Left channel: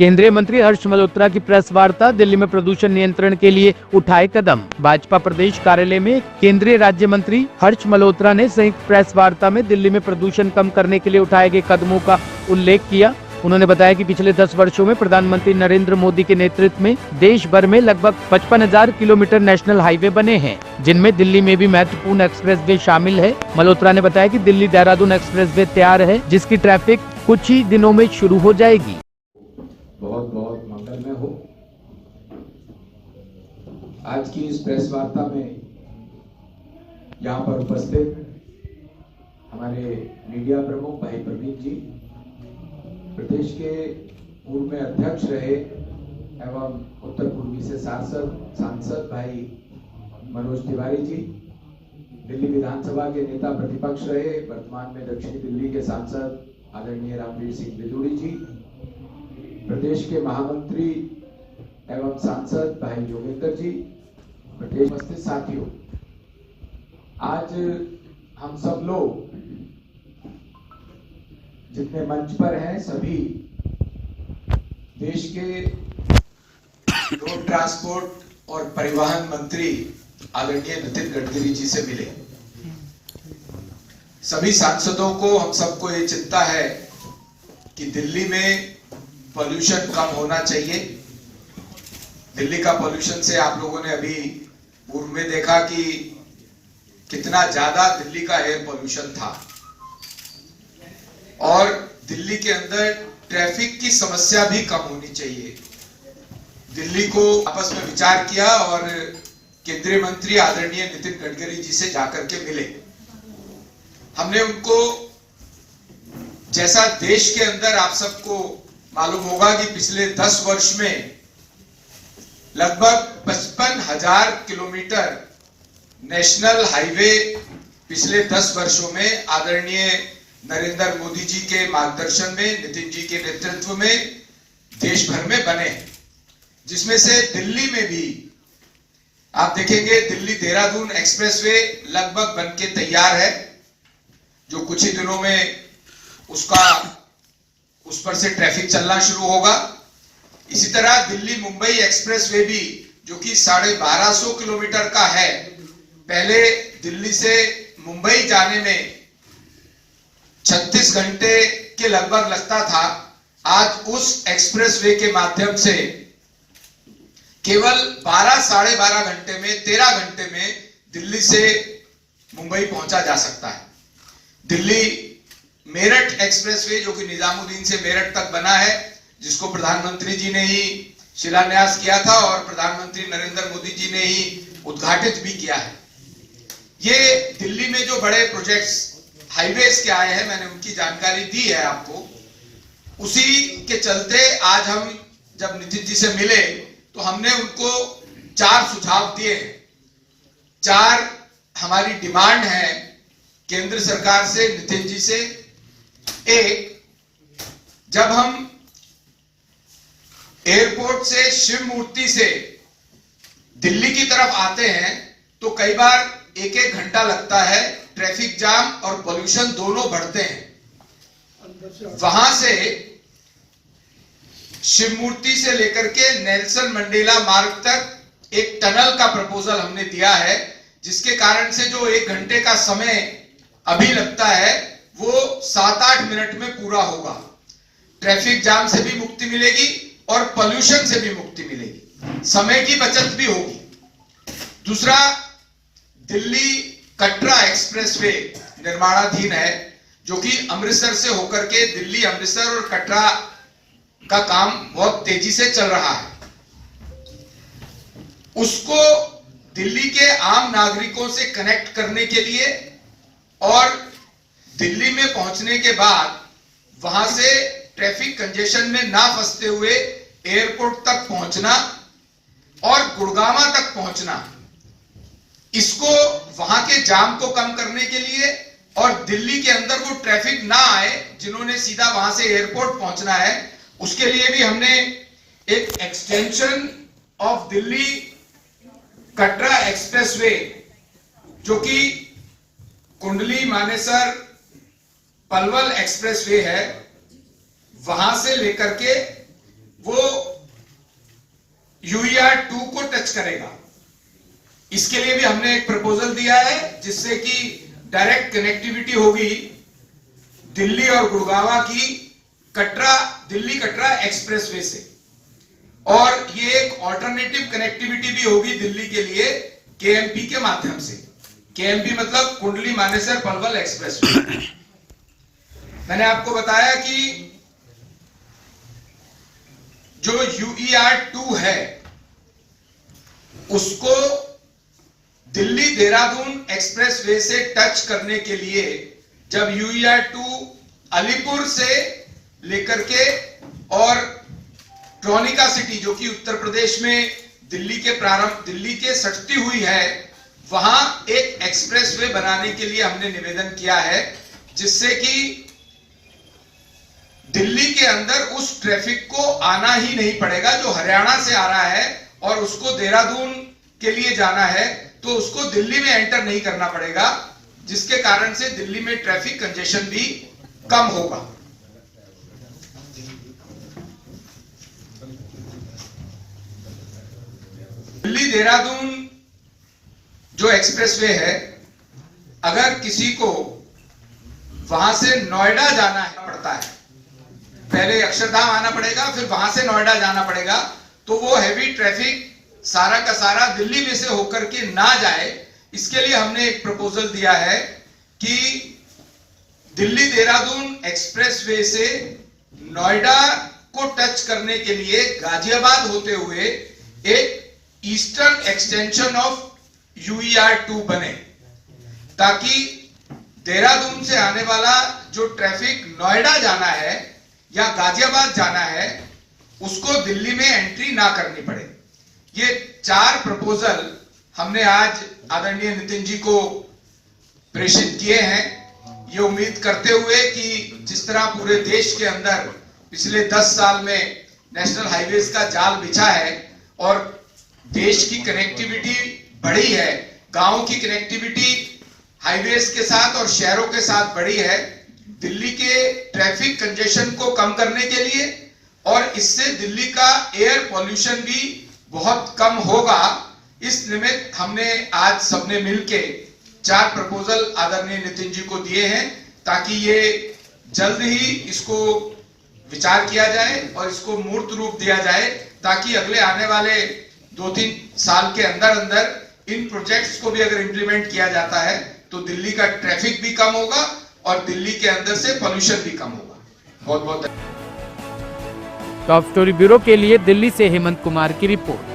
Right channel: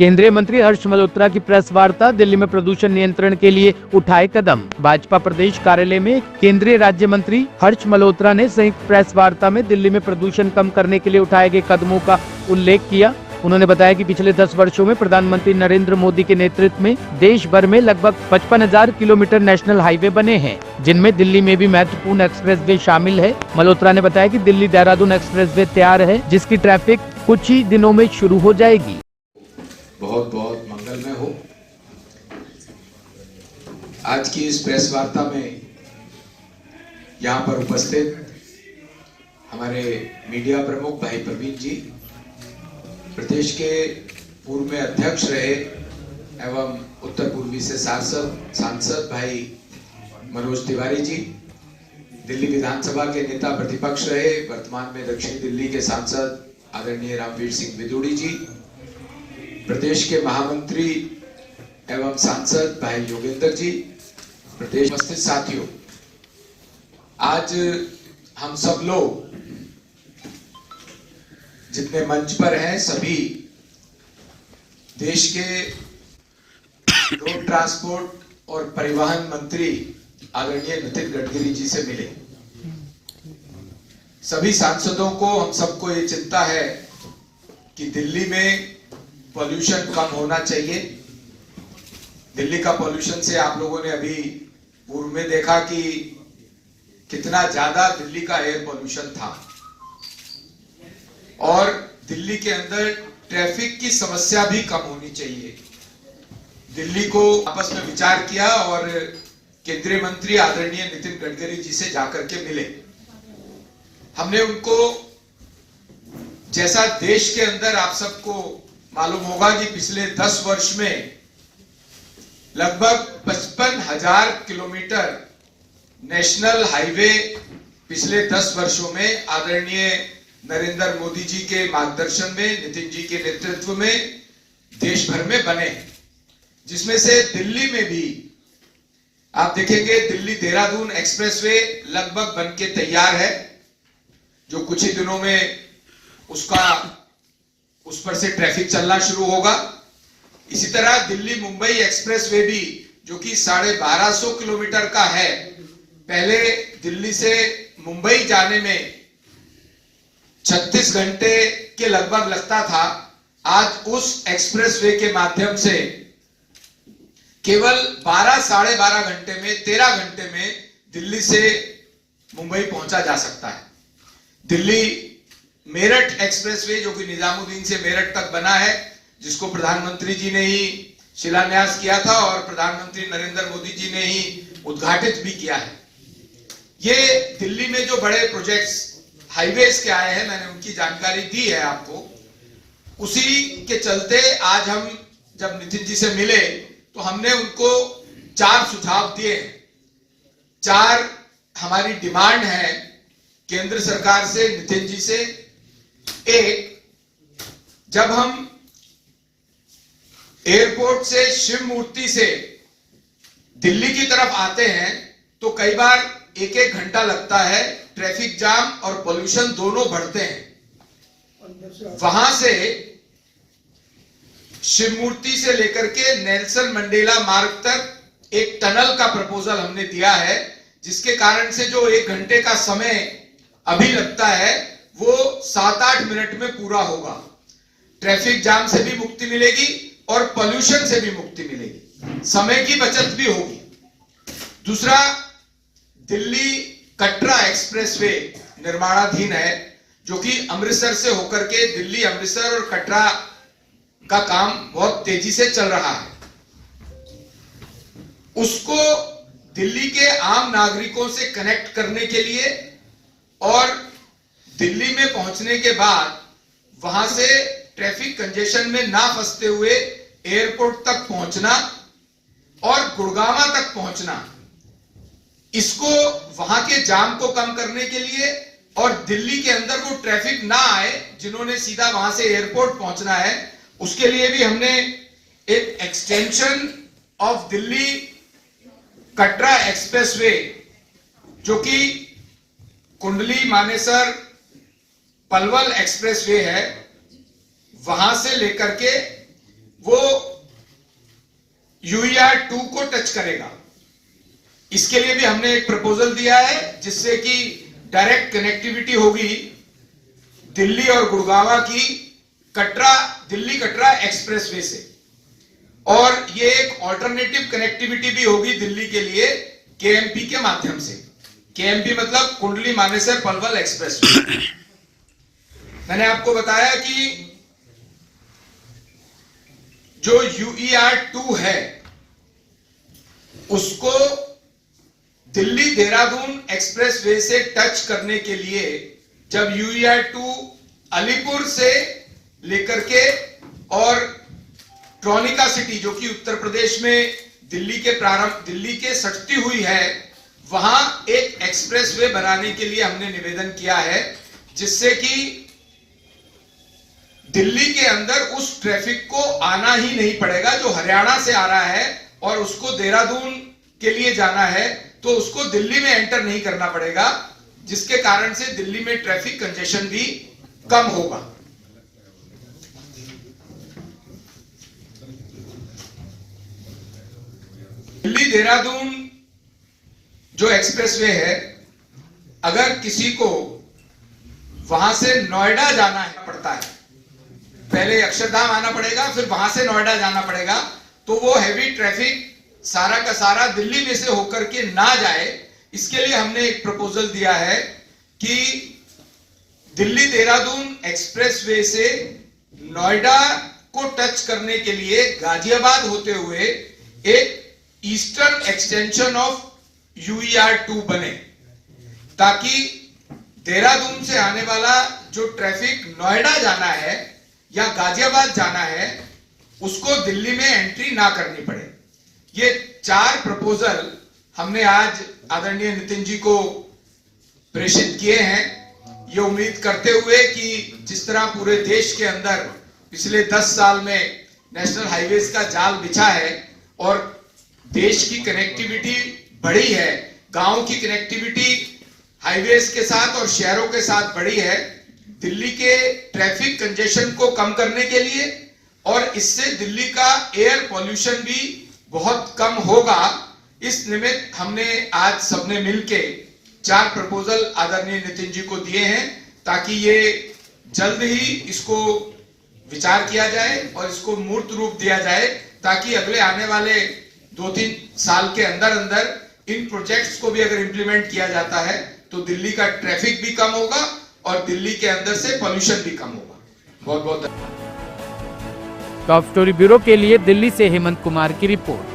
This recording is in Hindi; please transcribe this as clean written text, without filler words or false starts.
केंद्रीय मंत्री हर्ष मल्होत्रा की प्रेस वार्ता। दिल्ली में प्रदूषण नियंत्रण के लिए उठाए कदम। भाजपा प्रदेश कार्यालय में केंद्रीय राज्य मंत्री हर्ष मल्होत्रा ने संयुक्त प्रेस वार्ता में दिल्ली में प्रदूषण कम करने के लिए उठाए गए कदमों का उल्लेख किया। उन्होंने बताया कि पिछले 10 वर्षों में प्रधानमंत्री नरेंद्र मोदी के नेतृत्व में देश भर में लगभग 55,000 किलोमीटर नेशनल हाईवे बने हैं, जिनमें दिल्ली में भी महत्वपूर्ण एक्सप्रेसवे शामिल है। मल्होत्रा ने बताया कि दिल्ली देहरादून एक्सप्रेसवे तैयार है, जिसकी ट्रैफिक कुछ ही दिनों में शुरू हो जाएगी। बहुत बहुत मंगलमय हो। आज की इस प्रेस वार्ता में यहाँ पर उपस्थित हमारे मीडिया प्रमुख भाई प्रवीण जी, प्रदेश के पूर्व में अध्यक्ष रहे एवं उत्तर पूर्वी से सांसद भाई मनोज तिवारी जी, दिल्ली विधानसभा के नेता प्रतिपक्ष रहे, वर्तमान में दक्षिण दिल्ली के सांसद आदरणीय रामवीर सिंह बिदूड़ी जी, प्रदेश के महामंत्री एवं सांसद भाई योगेंद्र जी, प्रदेश उपस्थित साथियों, आज हम सब लोग जितने मंच पर हैं सभी देश के रोड ट्रांसपोर्ट और परिवहन मंत्री आदरणीय नितिन गडकरी जी से मिले। सभी सांसदों को, हम सबको ये चिंता है कि दिल्ली में पॉल्यूशन कम होना चाहिए। दिल्ली का पॉल्यूशन से आप लोगों ने अभी पूर्व में देखा कि कितना ज्यादा दिल्ली का एयर पॉल्यूशन था और दिल्ली के अंदर ट्रैफिक की समस्या भी कम होनी चाहिए। दिल्ली को आपस में विचार किया और केंद्रीय मंत्री आदरणीय नितिन गडकरी जी से जाकर के मिले। हमने उनको, जैसा देश के अंदर आप सबको मालूम होगा कि पिछले 10 वर्ष में लगभग 55,000 किलोमीटर नेशनल हाईवे पिछले 10 वर्षों में आदरणीय नरेंद्र मोदी जी के मार्गदर्शन में, नितिन जी के नेतृत्व में देश भर में बने, जिसमें से दिल्ली में भी आप देखेंगे दिल्ली देहरादून एक्सप्रेसवे लगभग बनके तैयार है, जो कुछ ही दिनों में उस पर से ट्रैफिक चलना शुरू होगा। इसी तरह दिल्ली मुंबई एक्सप्रेसवे भी, जो कि 1250 किलोमीटर का है, पहले दिल्ली से मुंबई जाने में 36 घंटे के लगभग लगता था, आज उस एक्सप्रेसवे के माध्यम से केवल 12 साढ़े 12 घंटे में, 13 घंटे में दिल्ली से मुंबई पहुंचा जा सकता है। दिल्ली मेरठ एक्सप्रेसवे, जो कि निजामुद्दीन से मेरठ तक बना है, जिसको प्रधानमंत्री जी ने ही शिलान्यास किया था और प्रधानमंत्री नरेंद्र मोदी जी ने ही उद्घाटित भी किया है। ये दिल्ली में जो बड़े प्रोजेक्ट्स हाईवेज के आए हैं, मैंने उनकी जानकारी दी है आपको। उसी के चलते आज हम जब नितिन जी से मिले तो हमने उनको 4 सुझाव दिए। 4 हमारी डिमांड है केंद्र सरकार से, नितिन जी से। एक, जब हम एयरपोर्ट से, शिव मूर्ति से दिल्ली की तरफ आते हैं तो कई बार 1-1 घंटा लगता है, ट्रैफिक जाम और पोल्यूशन दोनों बढ़ते हैं। वहां से शिव मूर्ति से लेकर के नेल्सन मंडेला मार्ग तक एक टनल का प्रपोजल हमने दिया है, जिसके कारण से जो 1 घंटे का समय अभी लगता है वो 7-8 मिनट में पूरा होगा। ट्रैफिक जाम से भी मुक्ति मिलेगी और पोल्यूशन से भी मुक्ति मिलेगी, समय की बचत भी होगी। दूसरा, दिल्ली कटरा एक्सप्रेसवे निर्माणाधीन है, जो कि अमृतसर से होकर के दिल्ली, अमृतसर और कटरा का काम बहुत तेजी से चल रहा है। उसको दिल्ली के आम नागरिकों से कनेक्ट करने के लिए और दिल्ली में पहुंचने के बाद वहां से ट्रैफिक कंजेशन में ना फंसते हुए एयरपोर्ट तक पहुंचना और गुड़गावा तक पहुंचना, इसको वहां के जाम को कम करने के लिए और दिल्ली के अंदर वो ट्रैफिक ना आए जिन्होंने सीधा वहां से एयरपोर्ट पहुंचना है, उसके लिए भी हमने एक extension of Delhi Katra expressway, जो कि कुंडली मानेसर पलवल एक्सप्रेसवे है, वहां से लेकर के वो UER2 को टच करेगा। इसके लिए भी हमने एक प्रपोजल दिया है जिससे कि डायरेक्ट कनेक्टिविटी होगी दिल्ली और गुड़गांव की दिल्ली कटरा एक्सप्रेसवे से, और ये एक ऑल्टरनेटिव कनेक्टिविटी भी होगी दिल्ली के लिए KMP के माध्यम से। KMP मतलब कुंडली मानेसर पलवल एक्सप्रेसवे। मैंने आपको बताया कि जो UER2 है उसको दिल्ली देहरादून एक्सप्रेसवे से टच करने के लिए जब UER2 अलीपुर से लेकर के और ट्रोनिका सिटी जो कि उत्तर प्रदेश में दिल्ली के सटती हुई है, वहां एक एक्सप्रेसवे बनाने के लिए हमने निवेदन किया है, जिससे कि दिल्ली के अंदर उस ट्रैफिक को आना ही नहीं पड़ेगा जो हरियाणा से आ रहा है और उसको देहरादून के लिए जाना है, तो उसको दिल्ली में एंटर नहीं करना पड़ेगा, जिसके कारण से दिल्ली में ट्रैफिक कंजेशन भी कम होगा। दिल्ली देहरादून जो एक्सप्रेसवे है, अगर किसी को वहां से नोएडा जाना पड़ता है, पहले अक्षरधाम आना पड़ेगा फिर वहां से नोएडा जाना पड़ेगा, तो वो हैवी ट्रैफिक सारा का सारा दिल्ली में से होकर के ना जाए, इसके लिए हमने एक प्रपोजल दिया है कि दिल्ली देहरादून एक्सप्रेसवे से नोएडा को टच करने के लिए गाजियाबाद होते हुए एक ईस्टर्न एक्सटेंशन ऑफ UER2 बने, ताकि देहरादून से आने वाला जो ट्रैफिक नोएडा जाना है या गाजियाबाद जाना है उसको दिल्ली में एंट्री ना करनी पड़े। ये 4 प्रपोजल हमने आज आदरणीय नितिन जी को प्रेषित किए हैं, ये उम्मीद करते हुए कि जिस तरह पूरे देश के अंदर पिछले 10 साल में नेशनल हाईवेज का जाल बिछा है और देश की कनेक्टिविटी बढ़ी है, गांव की कनेक्टिविटी हाईवेज के साथ और शहरों के साथ बढ़ी है, दिल्ली के ट्रैफिक कंजेशन को कम करने के लिए और इससे दिल्ली का एयर पॉल्यूशन भी बहुत कम होगा, इस निमित्त हमने आज सबने मिलके 4 प्रपोजल आदरणीय नितिन जी को दिए हैं, ताकि ये जल्द ही इसको विचार किया जाए और इसको मूर्त रूप दिया जाए, ताकि अगले आने वाले 2-3 साल के अंदर अंदर इन प्रोजेक्ट्स को भी अगर इंप्लीमेंट किया जाता है तो दिल्ली का ट्रैफिक भी कम होगा और दिल्ली के अंदर से पोल्यूशन भी कम होगा। बहुत बहुत टॉप स्टोरी ब्यूरो के लिए दिल्ली से हेमंत कुमार की रिपोर्ट।